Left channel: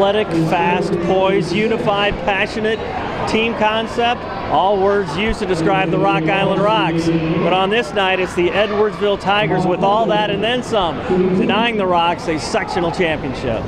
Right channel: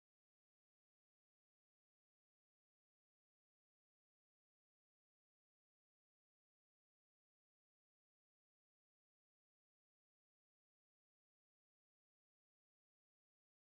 Athletic, fast, poised, unified, passionate, team concept, all words used to describe the Rock Island Rocks. But on this night, it's the Edwardsville Tigers with all that and then some, denying the Rocks a sectional championship.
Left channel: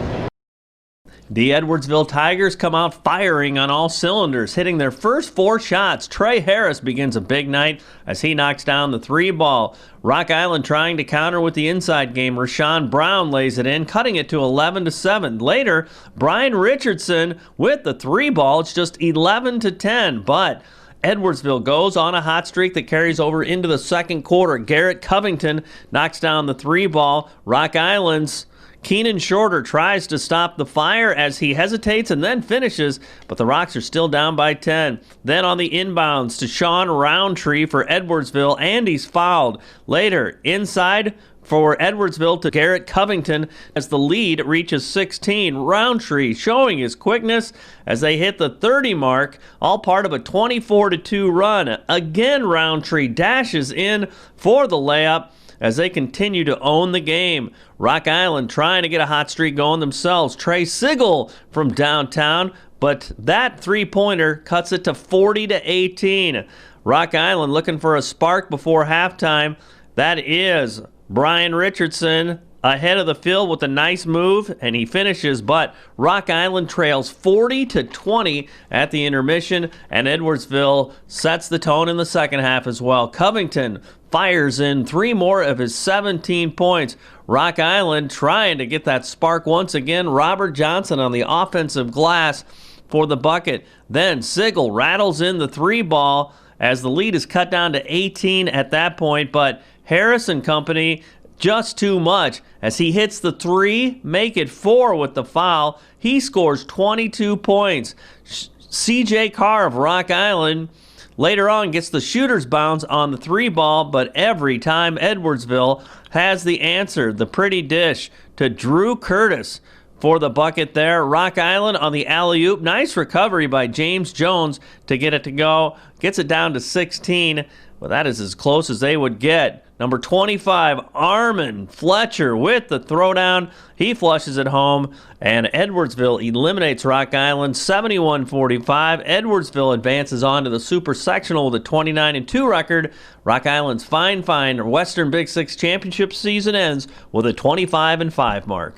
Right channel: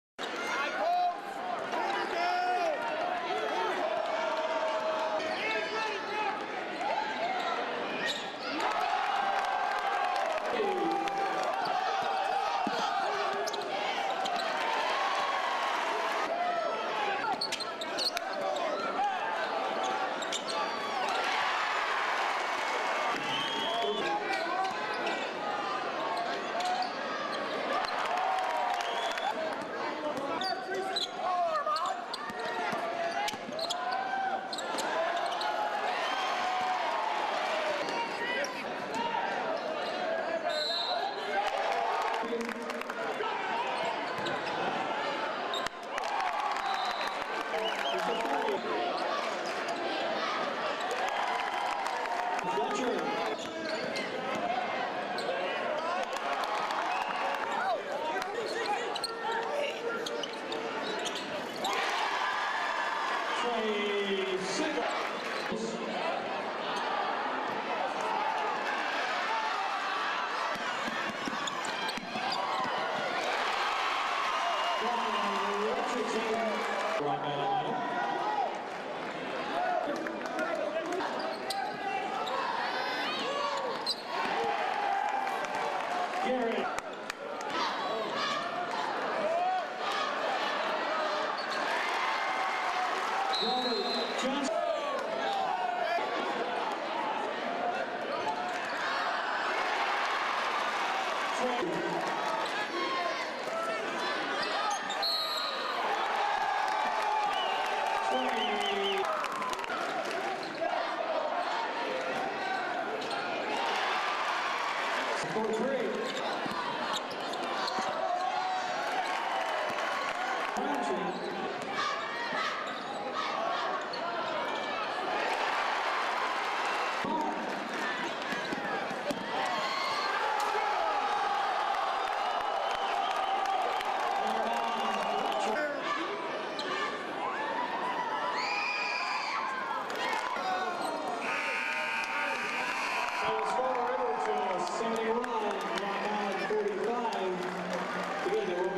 The Edwardsville Tigers come out firing on all cylinders, hitting their first 4 shots. Trey Harris begins a big night as he knocks down the 3 ball. Rock Island trying to counter with the inside game. Rashawn Brown lays it in, cutting it to 11-7. Later, Brian Richardson with the 3 ball. It's just 11-10, but Edwardsville goes on a hot streak that carries over into the second quarter. Garrett Covington knocks down the 3 ball. Rock Island's Keenan Shorter tries to stop the fire as he hesitates and then finishes, but the Rocks are still down by 10. Then on the inbounds to Sean Roundtree for Edwardsville, and he's fouled. Later, inside for Edwardsville to Garrett Covington as the lead reaches 16. Roundtree showing his quickness as they hit the 30 mark, all part of a 24-2 run. Again, Roundtree dashes in for the layup as they continue to own the game. Rock Island trying to get a hot streak going themselves. Trey Sigel from downtown, but that 3-pointer cuts it to 40-18. Rock Island looking for a spark before halftime. That is Brian Richardson ahead of the field with a nice move, and he finishes, but Rock Island trails 40-20 at the intermission, and Edwardsville sets the tone in the second half as well. Covington fires in 3 more of his 17 points. Rock Island trying to get that spark once again. Robert Johnson on the offensive glass for the bucket. Then Sigel rattles in the 3 ball as the lead is cut down to 18 at that point, but Harris and company just too much as he hits the 3, make it 4 with the foul. He scores 22 points. CJ Carr of Rock Island later on gets the shooter's bounce on the 3 ball, but every time Edwardsville has the answer. The pretty dish to Drew Curtis for the bucket there. Rock Island on the alley-oop. Nice recovery by James Jones to get it to go. Gets it down to 16. But that is as close as they would get. Number 25, Armin Fletcher with the throwdown. He flushes it home, and Edwardsville eliminates Rock Island 71-45. Edwardsville advances on to the Super Sectional with a 29-2 record. Rock Island's fine Western Big Six Championship season ends with a 25-5 mark.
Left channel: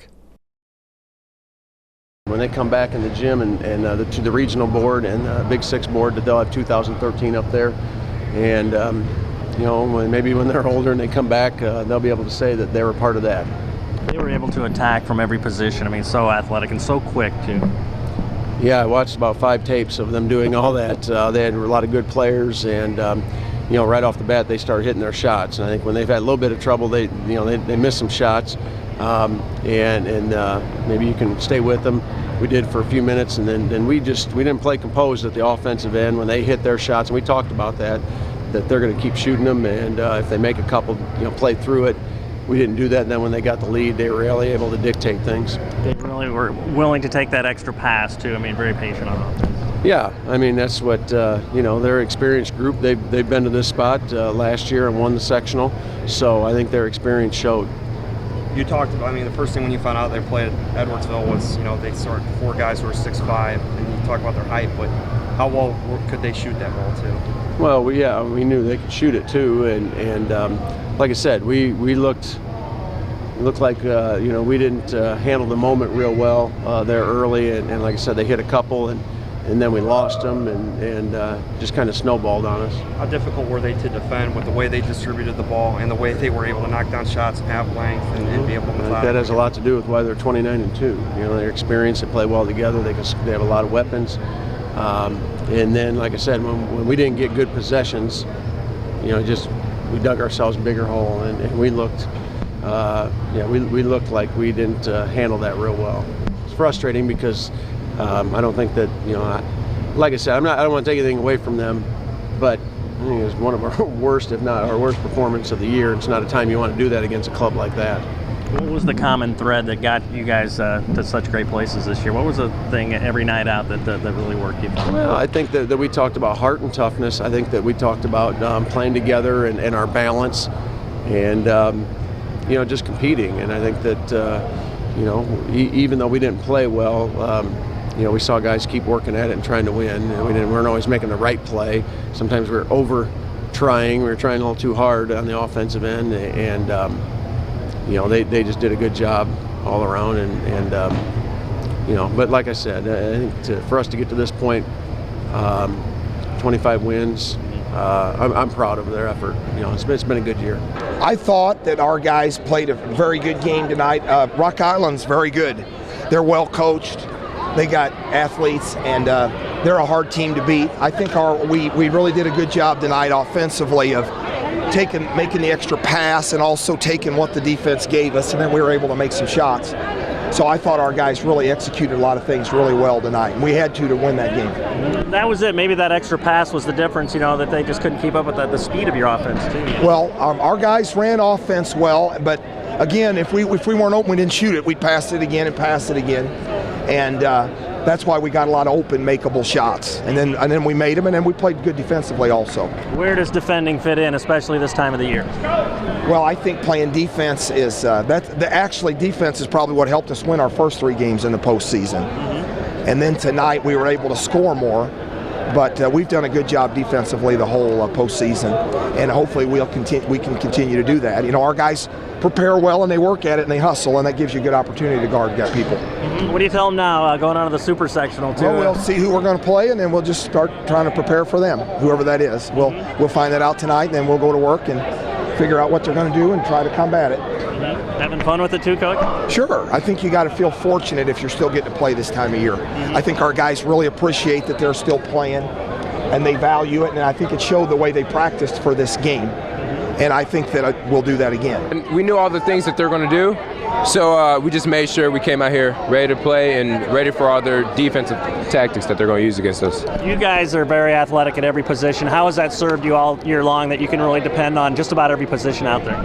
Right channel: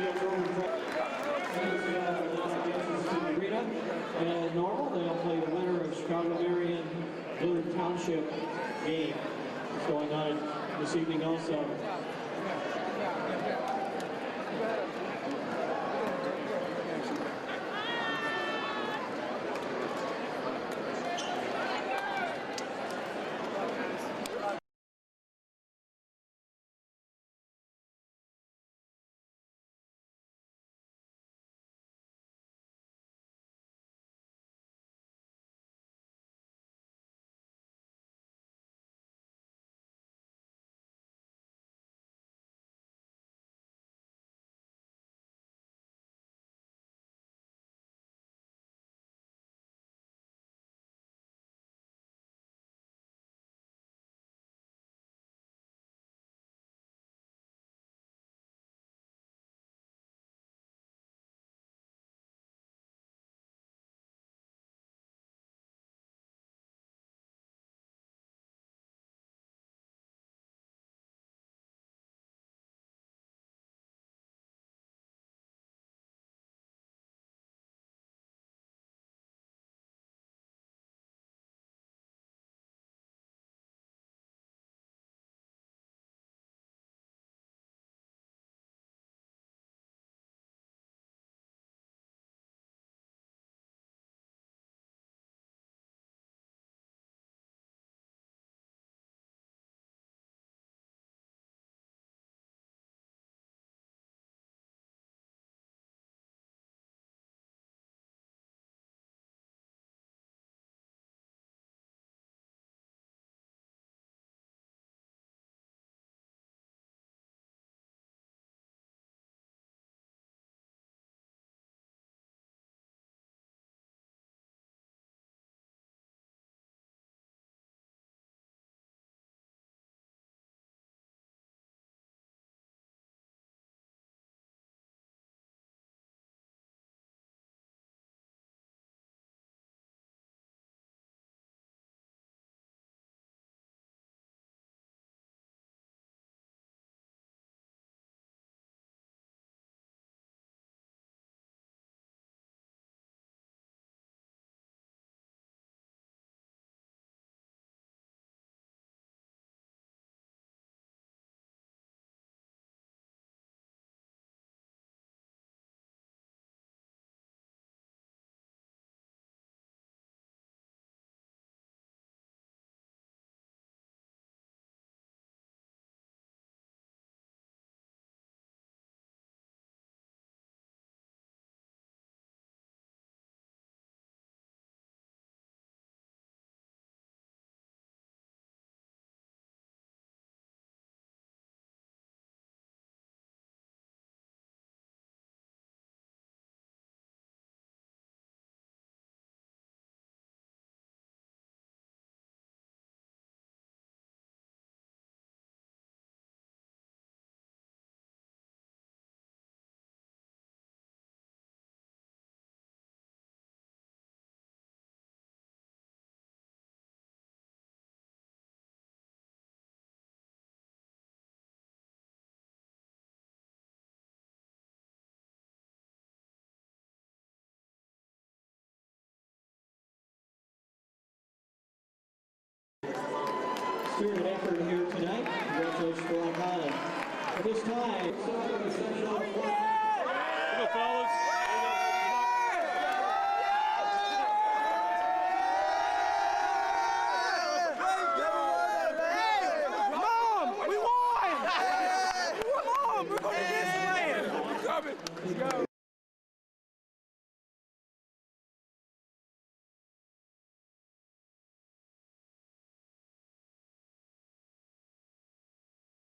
When they come back in the gym and to the regional board and the Big Six board, they'll have 2013 up there. And, you know, maybe when they're older and they come back, they'll be able to say that they were part of that. They were able to attack from every position. I mean, so athletic and so quick, too. Yeah, I watched about 5 tapes of them doing all that. They had a lot of good players, and you know, right off the bat, they started hitting their shots. And I think when they've had a little bit of trouble, they miss some shots, and maybe you can stay with them. We did for a few minutes, and then we didn't play composed at the offensive end when they hit their shots. And we talked about that they're going to keep shooting them, and if they make a couple, play through it. We didn't do that, and then when they got the lead, they were really able to dictate things. They really were willing to take that extra pass, too. I mean, very patient on offense. Yeah, I mean, that's what, they're an experienced group. They've been to this spot last year and won the sectional, so I think their experience showed. You talked about, the first thing when you found out they played at Edwardsville was, they started 4 guys who were 6'5", and you talk about their height, but how well could they shoot that ball, too? Well, we knew they could shoot it, too, and like I said, we looked like, we didn't handle the moment real well there early, and like I said, they hit a couple, and then we lost them, and just kind of snowballed on us. How difficult were they to defend with the way they distributed the ball and the way they were able to knock down shots half length and be able to methodically? That has a lot to do with why they're 29-2. Their experience, they play well together, they have a lot of weapons. And then, like I said, when we didn't get good possessions, we dug ourselves a bigger hole, and we looked, we looked like we didn't handle that real well. It's frustrating because I don't think that, like I said, I don't want to take anything away from them, but I think it was one of our worst, if not our worst performance of the year. It's not a time you want to do that against a club like that. What was the common thread that got you guys to such great places this year? What was the thing every night out that really worked you? Well, I think that we talked about heart and toughness. I think that we talked about playing together and our balance and, just competing. And I think that, you know, even though we didn't play well, you know, we saw guys keep working at it and trying to win. And we weren't always making the right play. Sometimes we were over trying. We were trying a little too hard on the offensive end, and you know, they just did a good job all around. And you know, but like I said, I think for us to get to this point, 25 wins. I'm proud of their effort. You know, it's been a good year. I thought that our guys played a very good game tonight. Rock Island's very good. They're well coached. They got athletes, and they're a hard team to beat. I think we really did a good job tonight offensively of making the extra pass and also taking what the defense gave us, and then we were able to make some shots. So I thought our guys really executed a lot of things really well tonight, and we had to win that game. That was it. Maybe that extra pass was the difference, you know, that they just couldn't keep up with the speed of your offense, too. Well, our guys ran offense well, but again, if we weren't open, we didn't shoot it. We'd pass it again and pass it again. And that's why we got a lot of open, makeable shots. And then we made them, and then we played good defensively also. Where does defending fit in, especially this time of the year? Well, I think playing defense is defense is probably what helped us win our first 3 games in the postseason. Mm-hmm. And then tonight we were able to score more. But we've done a good job defensively the whole postseason, and hopefully we can continue to do that. You know, our guys prepare well and they work at it and they hustle, and that gives you a good opportunity to guard people. Mm-hmm. What do you tell them now going on to the super sectional too? Well, we'll see who we're going to play, and then we'll just start trying to prepare for them, whoever that is. We'll find that out tonight, and then we'll go to work and figure out what they're going to do and try to combat it. Having fun with it too, Coach? Sure. I think you got to feel fortunate if you're still getting to play this time of year. Mm-hmm. I think our guys really appreciate that they're still playing, and they value it, and I think it showed the way they practiced for this game. And I think that we'll do that again. And we knew all the things that they're going to do, so we just made sure we came out here ready to play and ready for all their defensive tactics that they're going to use against us. You guys are very athletic at every position. How has that served you all year long that you can really depend on just about every position out there?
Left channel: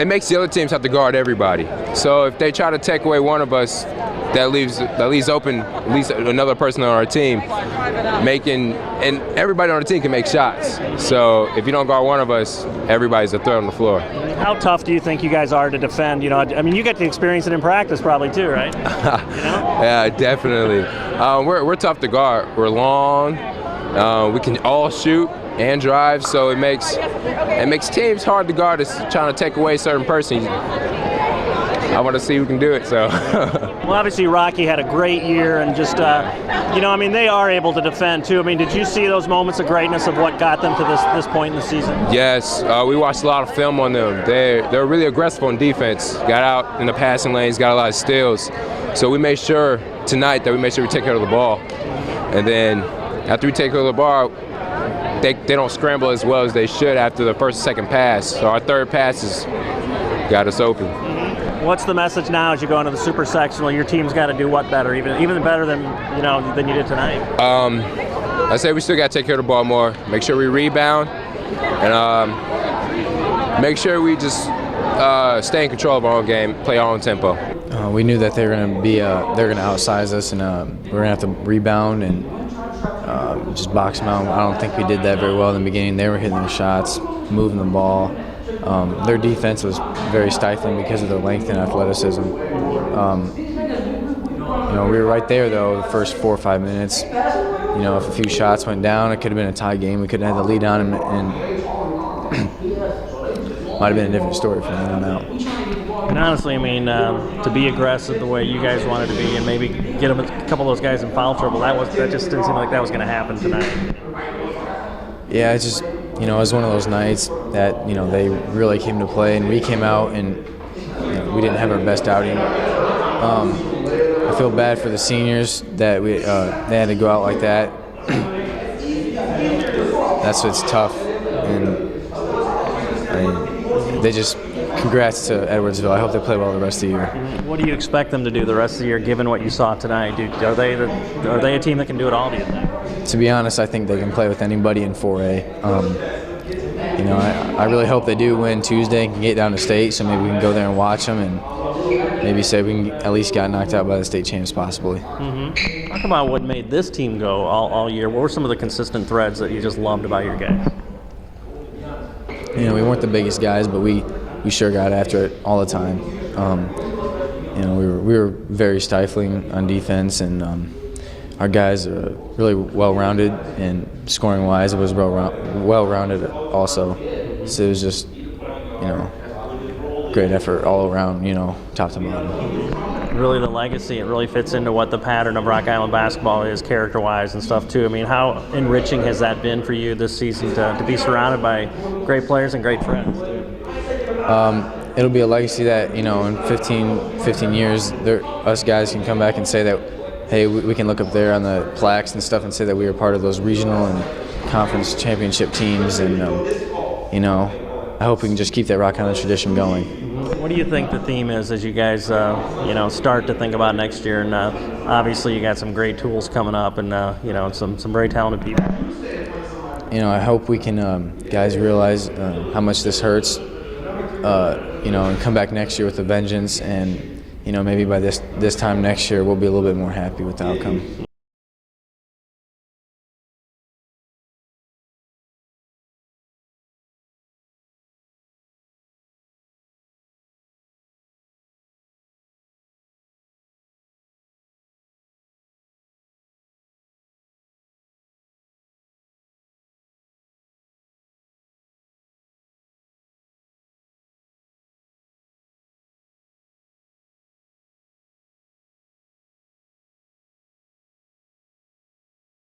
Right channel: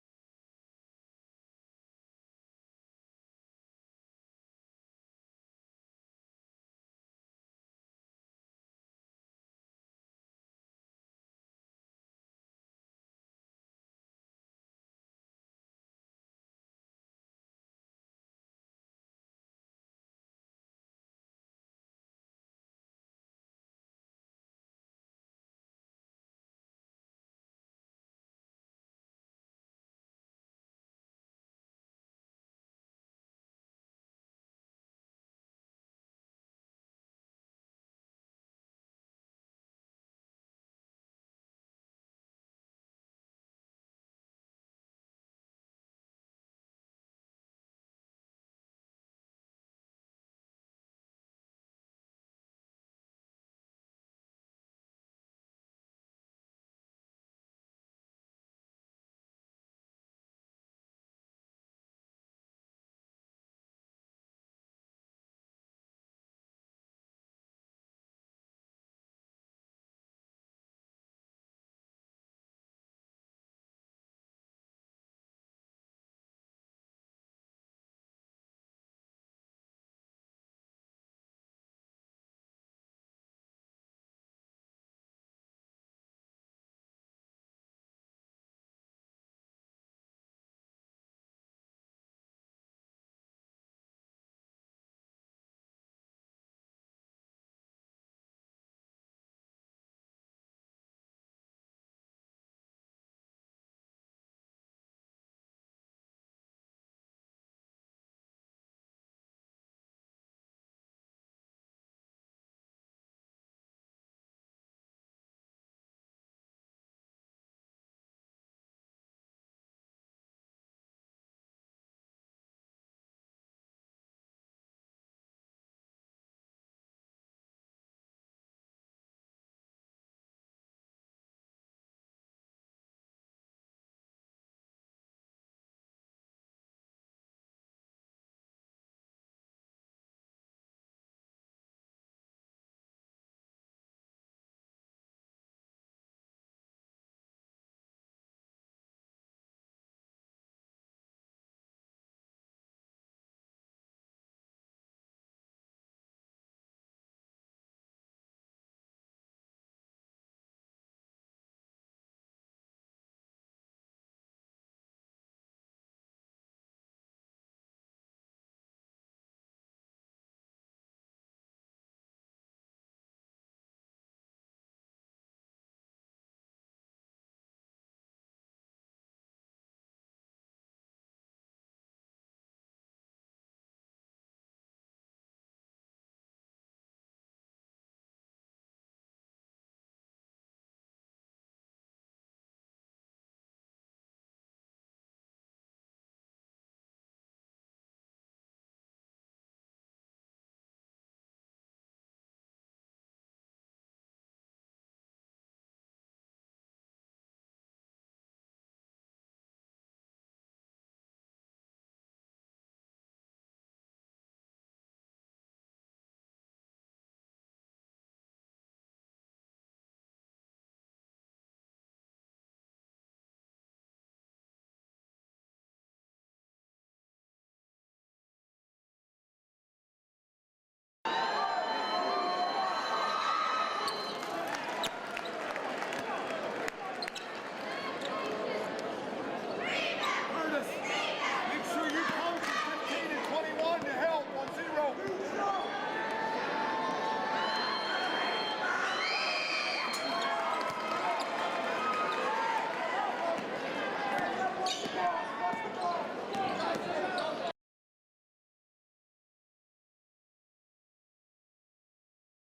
It makes the other teams have to guard everybody. So if they try to take away one of us, that leaves open at least another person on our team and everybody on the team can make shots. So if you don't guard one of us, everybody's a threat on the floor. How tough do you think you guys are to defend? You know, I mean, you get to experience it in practice probably too, right? You know? Yeah, definitely. We're tough to guard. We're long. We can all shoot and drive, so it makes teams hard to guard. It's trying to take away a certain person. I want to see who can do it. So. Well, obviously Rocky had a great year, and just you know, I mean, they are able to defend too. I mean, did you see those moments of greatness of what got them to this point in the season? Yes, we watched a lot of film on them. They're really aggressive on defense. Got out in the passing lanes, got a lot of steals. So we made sure tonight that we take care of the ball, and then after we take care of the ball, they don't scramble as well as they should after the first and second pass. So our third passes got us open. What's the message now as you go into the super sectional? Your team's got to do what better, even better than you did tonight? I say we still got to take care of the ball more. Make sure we rebound, and make sure we just stay in control of our own game, play our own tempo. We knew that they're going to outsize us, and we're going to have to rebound and just box them out. I don't think we did that very well in the beginning. They were hitting the shots, moving the ball. Their defense was very stifling because of their length and athleticism. We were right there, though, the first 4 or 5 minutes. If a few shots went down, it could have been a tie game. We could have had the lead on, and might have been a different story from then on out. And honestly, I mean, to be aggressive the way you guys wanted to be and maybe get a couple of those guys in foul trouble, that just didn't seem like that was going to happen tonight. Yeah, it's just, it was one of those nights that, they really came to play, and we came out and we didn't have our best outing. I feel bad for the seniors that they had to go out like that. It's tough, and they just, congrats to Edwardsville. I hope they play well the rest of the year. What do you expect them to do the rest of the year, given what you saw tonight? Are they a team that can do it all, do you think? To be honest, I think they can play with anybody in 4A. I really hope they do win Tuesday and can get down to state, so maybe we can go there and watch them and maybe say we can at least get knocked out by the state champs possibly. Mm-hmm. Talk about what made this team go all year. What were some of the consistent threads that you just loved about your guys? We weren't the biggest guys, but we sure got after it all the time. we were very stifling on defense, and our guys are really well-rounded, and scoring-wise, it was well-rounded also. So it was just, great effort all around, top to bottom. Really, the legacy, it really fits into what the pattern of Rock Island basketball is character-wise and stuff too. I mean, how enriching has that been for you this season to be surrounded by great players and great friends? It'll be a legacy that, in 15 years, us guys can come back and say that, hey, we can look up there on the plaques and stuff and say that we were part of those regional and conference championship teams, and I hope we can just keep that Rock Island tradition going. What do you think the theme is as you guys, start to think about next year? And obviously, you got some great tools coming up, and some very talented people. I hope we can, guys, realize how much this hurts, and come back next year with a vengeance, and maybe by this time next year we'll be a little bit more happy with the outcome.